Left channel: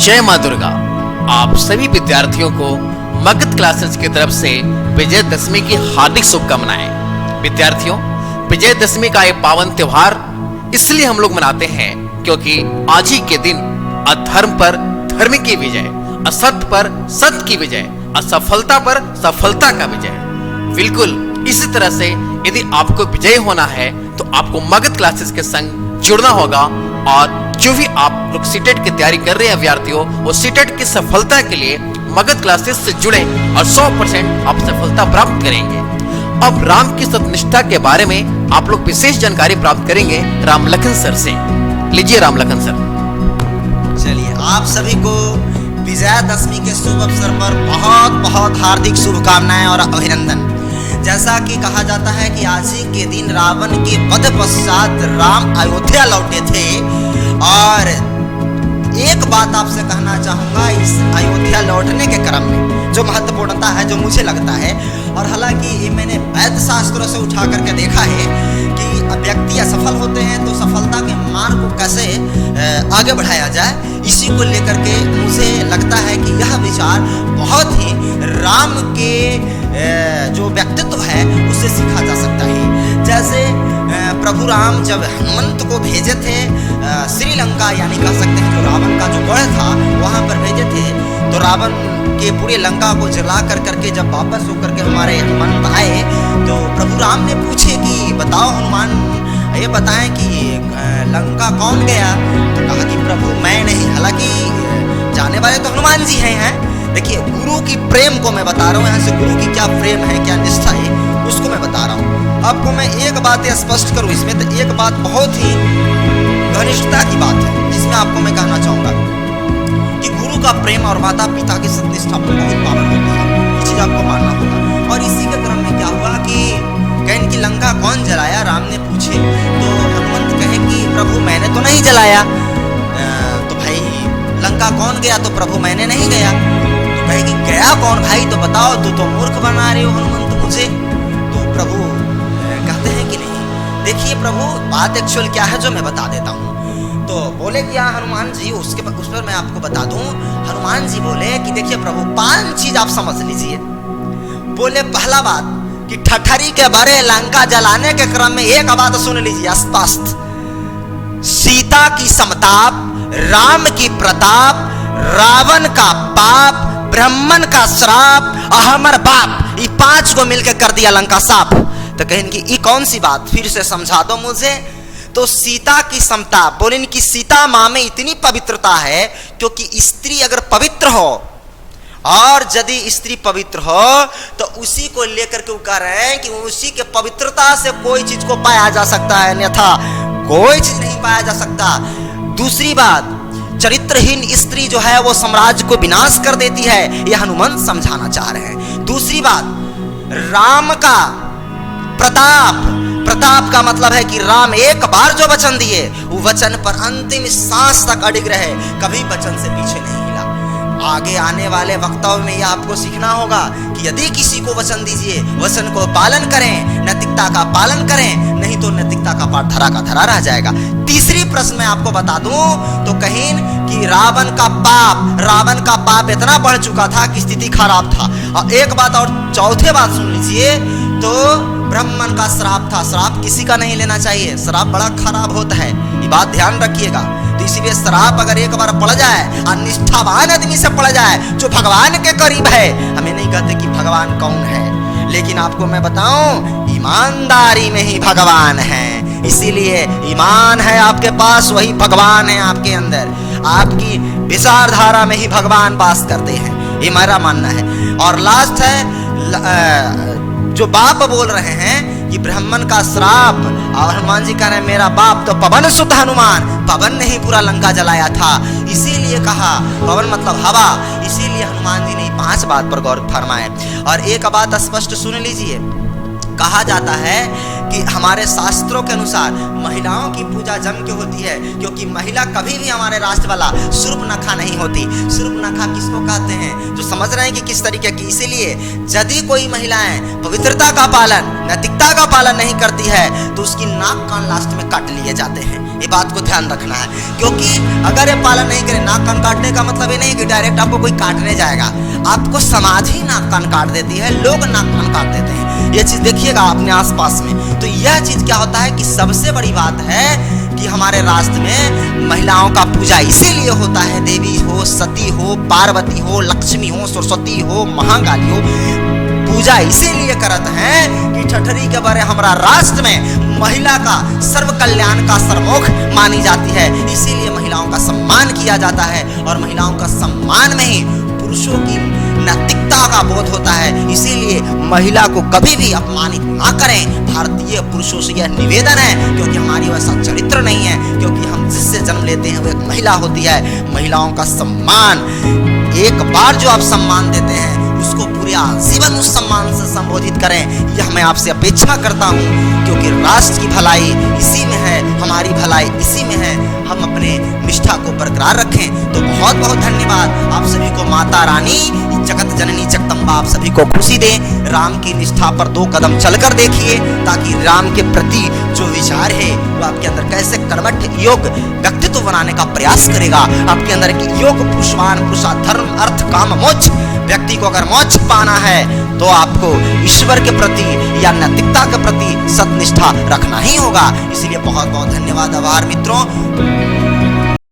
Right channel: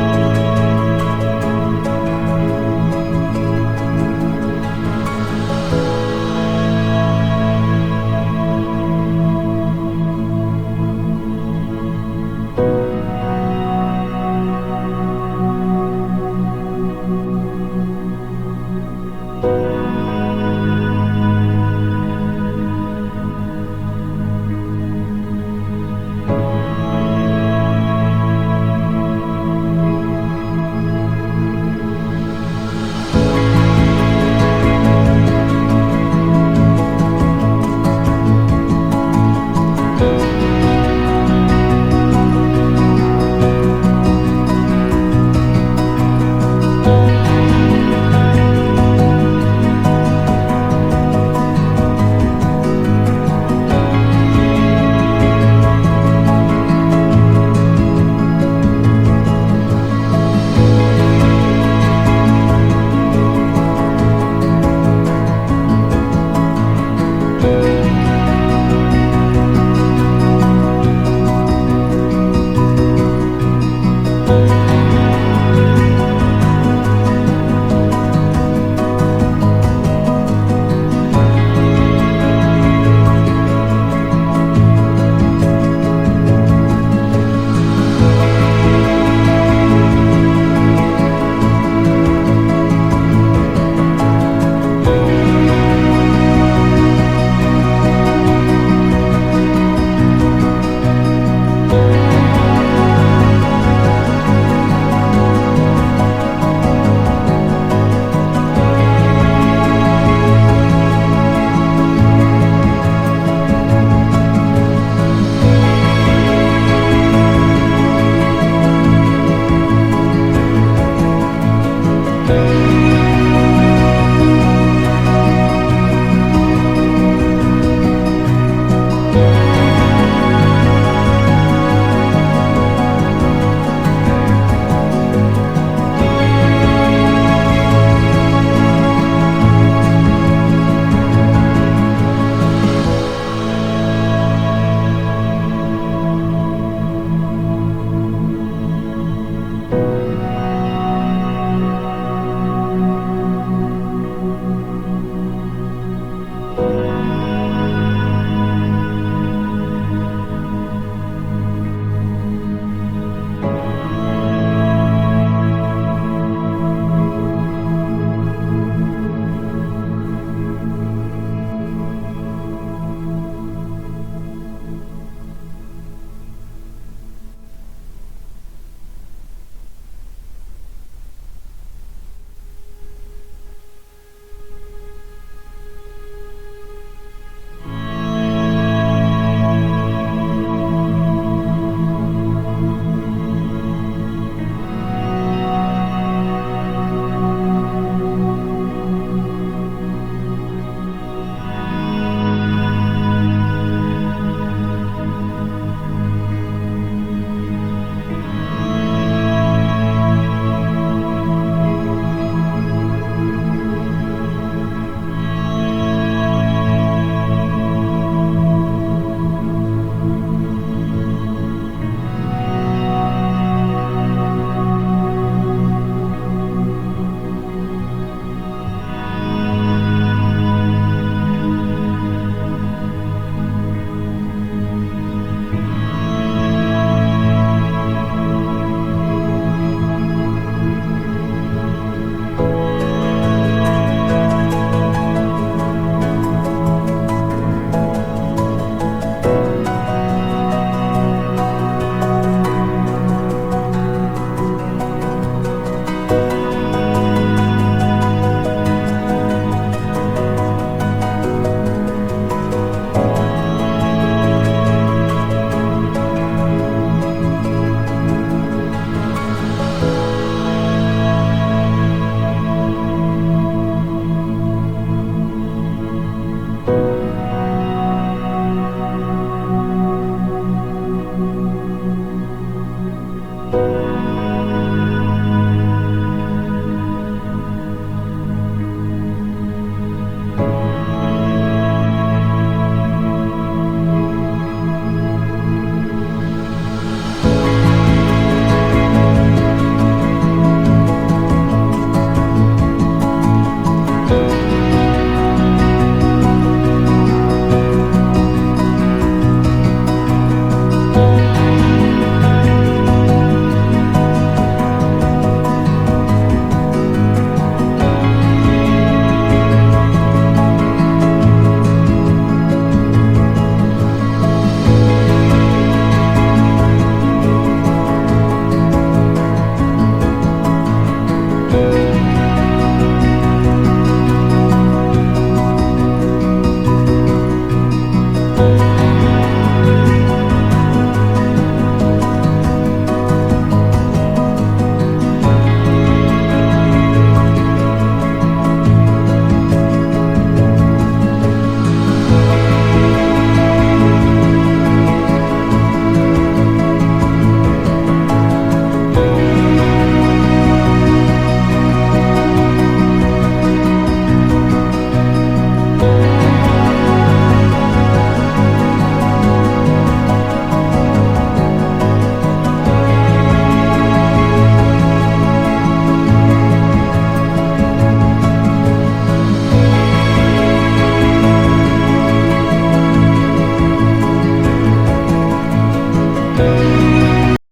जय मां दुर्गा। आप सभी विद्यार्थियों को मगध क्लासेस की तरफ से विजयदशमी की हार्दिक शुभकामनाएं। विद्यार्थियों, विजयदशमी का ये पावन त्योहार इसलिए हम लोग मनाते हैं क्योंकि आज ही के दिन अधर्म पर धर्म की विजय, असत्य पर सत्य की विजय, असफलता पर सफलता का विजय। बिल्कुल इसी तरह से यदि आपको विजय होना है तो आपको मगध क्लासेस के संग जुड़ना होगा और जो भी आप लोग सीटेट की तैयारी कर रहे हैं विद्यार्थियों, वो सीटेट की सफलता के लिए मगध क्लासेस से जुड़े और 100% आप सफलता प्राप्त करेंगे। अब राम की सत्यनिष्ठा के बारे में आप लोग विशेष जानकारी प्राप्त करेंगे रामलखन सर से। लीजिए रामलखन सर। चलिए, आप सभी को विजयादशमी के शुभ अवसर पर बहुत बहुत हार्दिक शुभकामनाएं और अभिनंदन। जैसा कि कहा जाता है कि आज ही के दिन रावण के वध पश्चात राम अयोध्या लौटे थे। और एक बात आपसे कहना चाहूंगा, इस अयोध्या लौटने के क्रम में जो महत्वपूर्णता है, जो मुझे लगता है, और हालांकि मैंने वैद्य शास्त्रों से उठा करके देखा है कि व्यक्ति असफल होते हैं तो सफलता के मार्ग को कैसे आगे बढ़ाया जाए, इसी को लेकर के मुझे लगता है कि यह विचार बहुत ही राम के जो व्यक्तित्व है उससे सीखा जा सकता है। जैसे प्रभु राम जब हनुमंत को भेजे थे श्रीलंका, यानी कह सकते हैं जो रावण का जो गढ़ था वहां पर भेजे थे, तो रावण के पूरे लंका को जला कर करके जब वापस होकर के हमारे हनुमंत आए तो प्रभु राम ने पूछे कि बताओ हनुमान, ये बताएं कि लंका कौन गया? तो कहा कि प्रभु मैं नहीं। हालांकि जाने वाले तो हनुमान जी हैं। देखिए, गुरु की प्रेम को मैं बता रहा हूँ, यहाँ से गुरु की क्या प्रेम है, क्या निष्ठा है, उसको मैं बता रहा हूँ आपको। मैं एक बात स्पष्ट करूँ इसमें, तो एक बात बहुत ही घनिष्ठता की बात है, जिसमें आपको मैं कहना चाहूंगा कि गुरु का प्रेम और माता पिता की सत्यनिष्ठा बहुत पावन है, चीज आपको मानना होगा। और इसी के क्रम में क्या हुआ कि कहन की लंका कौन जलाया, राम ने पूछे तो हनुमंत कहे कि प्रभु मैंने तो नहीं जलाया। तो भाई लंका कौन गया? तो प्रभु मैंने नहीं गया। तो कहे कि गया कौन भाई? तो बताओ, तू तो मूर्ख बना रहे हो हनुमंत मुझे। तो प्रभु कहते हैं कि नहीं, देखिए प्रभु बात एक्चुअल क्या है जो मैं बता देता हूँ। तो बोले कि हाँ हनुमान जी, उस पर मैं आपको बता दूं। हनुमान जी बोले कि देखिए प्रभु 5 चीज आप समझ लीजिए। बोले पहला बात कि ठठरी के बड़े लंका जलाने के क्रम में एक बात सुन लीजिए स्पष्ट, सीता की समताप, राम की प्रताप, रावण का पाप, ब्राह्मण का श्राप, अहमर बाप, ये 5 को मिलकर कर दिया लंका साफ। तो कहें कि ये कौन सी बात, फिर से समझा दो मुझे। तो सीता की समता, बोले कि सीता माँ में इतनी पवित्रता है क्योंकि स्त्री अगर पवित्र हो और यदि स्त्री पवित्र हो तो उसी को लेकर के वो कह रहे हैं कि उसी के पवित्रता से कोई चीज को पाया जा सकता है, अन्यथा कोई चीज नहीं पाया जा सकता। दूसरी बात, चरित्रहीन स्त्री जो है वो साम्राज्य को विनाश कर देती है, यह हनुमंत समझाना चाह रहे हैं। दूसरी बात, राम का प्रताप, प्रताप का मतलब है कि राम एक बार जो वचन दिए वो वचन पर अंतिम सांस तक अडिग रहे, कभी वचन से पीछे नहीं हिला। आगे आने वाले वक्तव्यों में यह आपको सीखना होगा कि यदि किसी को वचन दीजिए, वचन को पालन करें, नैतिकता का पालन करें, नहीं तो नैतिकता का पाठ धरा का धरा रह जाएगा। तीसरी प्रश्न मैं आपको बता दूं तो कहीं कि रावण का पाप इतना बढ़ चुका था कि स्थिति खराब था। और एक बात और चौथे बात सुन लीजिए, तो ब्राह्मण का श्राप था। श्राप किसी का नहीं लेना चाहिए, श्राप बड़ा खराब होता है, ये बात ध्यान रखिएगा। तो इसीलिए श्राप अगर एक बार पड़ जाए और निष्ठावान आदमी से पड़ जाए जो भगवान के करीब है, हमें नहीं कहते कि भगवान कौन है, लेकिन आपको मैं बताऊं ईमानदारी में ही भगवान है। इसीलिए ईमान है आपके पास, वही भगवान है आपके अंदर, आपकी विचारधारा में ही भगवान वास करते हैं, ये मेरा मानना है। और लास्ट है, जो बाप बोल रहे हैं कि ब्राह्मण का श्राप, और हनुमान जी कह रहे हैं मेरा बाप तो पवन सुत हनुमान, पवन ने ही पूरा लंका जलाया था, इसीलिए कहा पवन मतलब हवा, इसीलिए हनुमान जी ने 5 बात पर गौर फरमाए। और एक बात स्पष्ट सुन लीजिए, कहा जाता है कि हमारे शास्त्रों के अनुसार महिलाओं की पूजा जम के होती है, क्योंकि महिला कभी भी हमारे राष्ट्र वाला सूर्पनखा नहीं होती। सूर्पनखा किसको कहते हैं, जो समझ रहे हैं कि किस तरीके की। इसीलिए यदि कोई महिलाएं पवित्रता का पालन, नैतिकता का पालन नहीं करती है तो उसकी नाक कान लास्ट में काट लिए जाते हैं। ये बात को ध्यान रखना है, क्योंकि अगर ये पालन नहीं करे, नाक कान काटने का मतलब ये डायरेक्ट आपको कोई काटने जाएगा, आपको समाज ही नाक कान काट देती है, लोग नाक कान काट देते हैं। ये चीज देखिएगा अपने आसपास में। तो यह चीज क्या होता है कि सबसे बड़ी बात है कि हमारे राष्ट्र में महिलाओं का पूजा इसीलिए होता है, देवी हो, सती हो, पार्वती हो, लक्ष्मी हो, सरस्वती हो, महाकाली हो, पूजा इसीलिए करत है कि ठठरी के बारे हमारा राष्ट्र में महिला का सर्व कल्याण का सर्वोख मानी जाती है, इसीलिए महिलाओं का सम्मान किया जाता है और महिलाओं का सम्मान में ही पुरुषों की नैतिकता का बोध होता है। इसीलिए महिला को कभी भी अपमानित ना करें। भारतीय पुरुषों से यह निवेदन है, क्योंकि हमारी वैसा चरित्र नहीं है, क्योंकि हम जिससे जन्म लेते हैं वो एक महिला होती है। महिलाओं का सम्मान, एक बार जो आप सम्मान देते हैं उसको पूरे आजीवन उस सम्मान से संबोधित करें, यह मैं आपसे अपेक्षा करता हूँ, क्योंकि राष्ट्र की भलाई इसी में है, हमारी भलाई इसी में है। हम अपने निष्ठा को बरकरार रखें। तो बहुत बहुत धन्यवाद आप सभी को। माता रानी जगत जननी जगदम्बा आप सभी को खुशी दे। राम की निष्ठा पर 2 कदम चलकर देखिए, ताकि राम के प्रति जो विचार है वो आपके अंदर कैसे कर्मठ योग व्यक्तित्व बनाने का प्रयास करेगा। आपके अंदर की योग पुरुषवान, पुरुषा, धर्म, अर्थ, काम, मोक्ष। व्यक्ति को अगर मोक्ष पाना है तो आपको ईश्वर के प्रति या नैतिकता के प्रति सतनिष्ठा रखना ही होगा। इसलिए बहुत बहुत धन्यवाद। आभार मित्रों।